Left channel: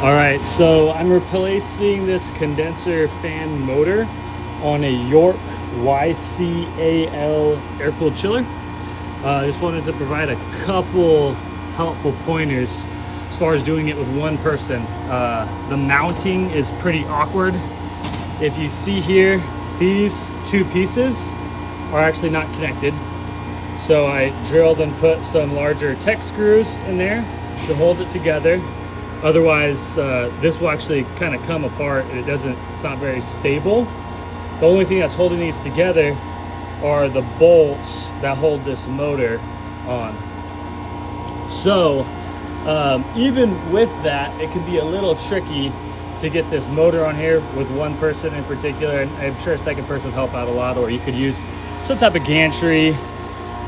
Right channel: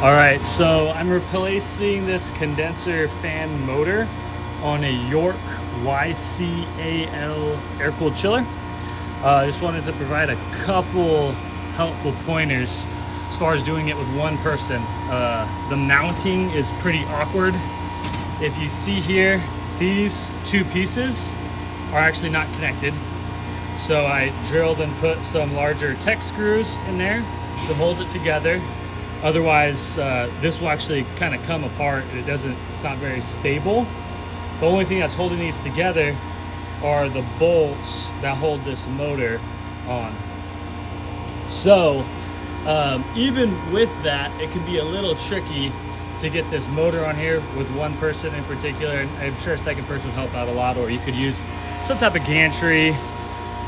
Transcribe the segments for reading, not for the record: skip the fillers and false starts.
All right, so I'm replacing this condenser fan motor on a York YCAL air-cooled chiller. I just wanted to provide a couple helpful pointers as far as doing it with one person. The mounting is pretty awkward. If you see here, these two pieces are actually not connected. So I drilled and put some larger Tech screws in there to hold it together. Otherwise, this will actually kind of come apart and it's not very stable. The only thing that's holding these together are the bolts that hold this motor on. So even with that, it can be a little tricky to get this motor on here with one person in particular, and I'm sure a second person would help out a lot, or you could use some type of gantry.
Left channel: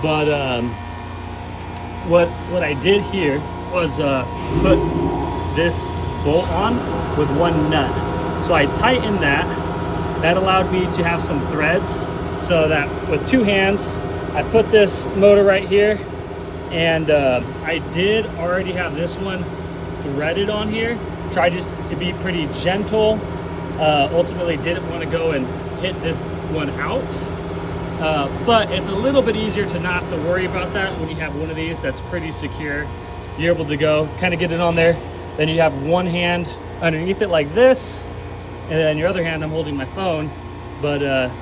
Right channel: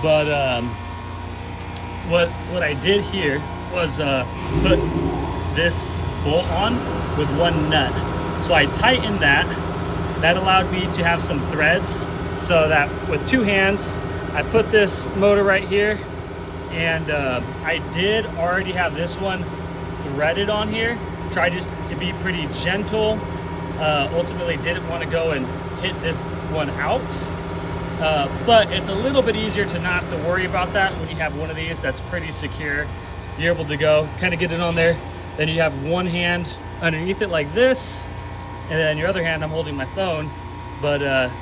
But what I did here was put this bolt on with one nut. So I tightened that. That allowed me to have some threads, so that with two hands I put this motor right here, and I did already have this one threaded on here. Tried just to be pretty gentle. Ultimately didn't want to go and hit this one out, but it's a little bit easier to not have to worry about that when you have one of these that's pretty secure. You're able to go kind of get it on there. Then you have one hand underneath it like this, and then your other hand I'm holding my phone, but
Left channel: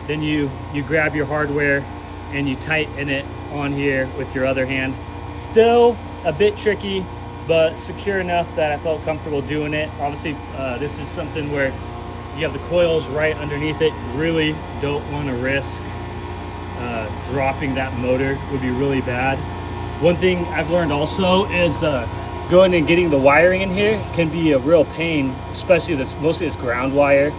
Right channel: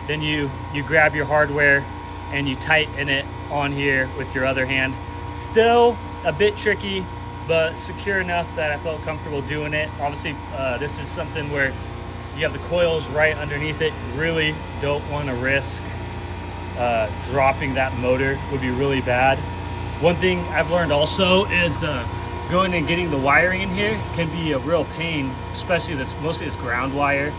then you grab your hardware and you tighten it on here with your other hand. Still a bit tricky, but secure enough that I felt comfortable doing it. Obviously this is something where you have the coils right underneath it. You really don't want to risk dropping that motor. Would be really bad. One thing I've learned also is going and getting the wiring in here can be a real pain, especially mostly this ground wire.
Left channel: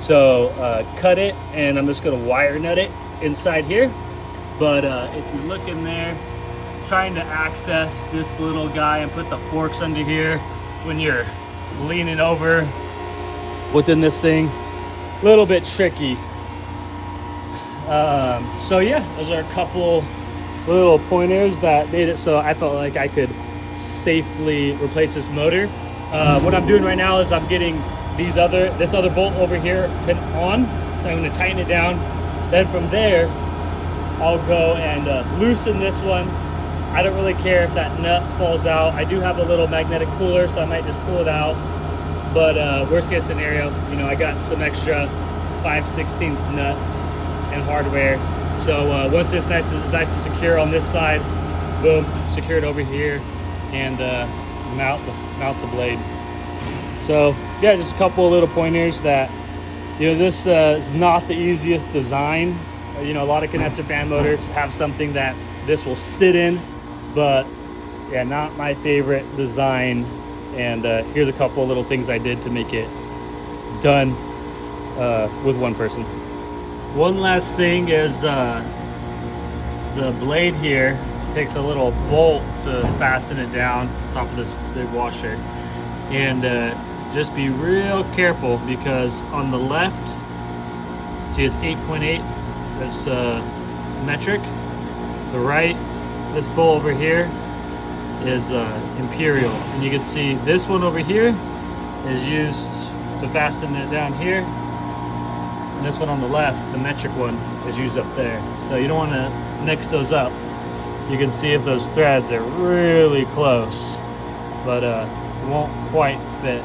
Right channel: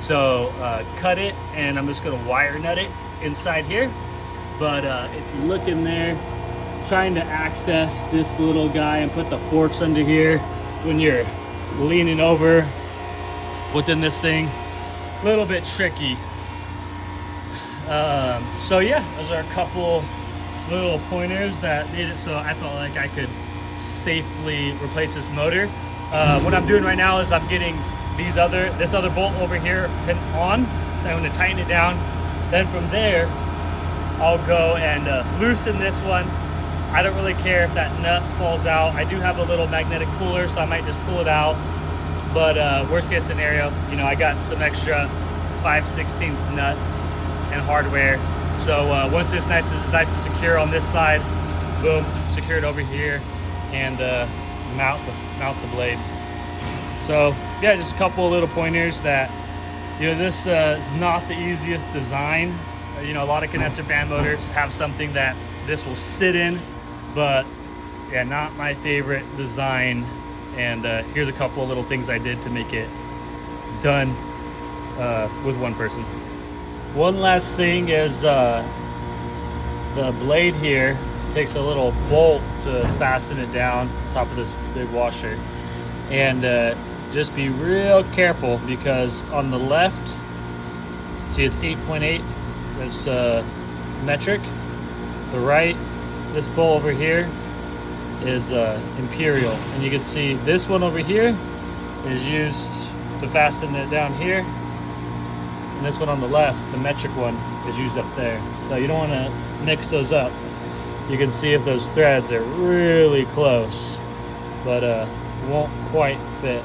So cut it, and I'm just going to wire nut it inside here. But if you look in there, trying to access this little guy and put the forks under here when you're leaning over within this thing, a little bit tricky. So yeah, those are a couple little pointers that made it so I felt like I could safely replace this motor. What I'm doing right now is I'm getting this other bolt over here pin on. So I'm going to tighten it down. Then from there, I'll go and loosen this one. I don't really care if that nut falls out. I do have a little magnetic puller, so I might just pull it out. But worst case scenario, you know, I got some extra 5/16 nuts and hardware. So once it's nice and secure on this side, boom, secure it over here, and mount the blade. So yeah, just a couple of little pointers that, you know, this is not the easiest design. You know, a lot of condenser fan motors have something that this will sit in, but yeah, not my favorite design. And here's a couple of little things I did to make it done with one person. One last thing is the blade here takes a little bolt to fasten it down top of this big washer, and just be real careful, because on the left, see it's 8.8, that's metric. The right, this bolt over here is imperial, and you can see this one over here is used to fasten it down here, and this one on the left, the metric one, is used up there. So you don't want to mix those up. You can see if those threads are really close, but it won't quite fit.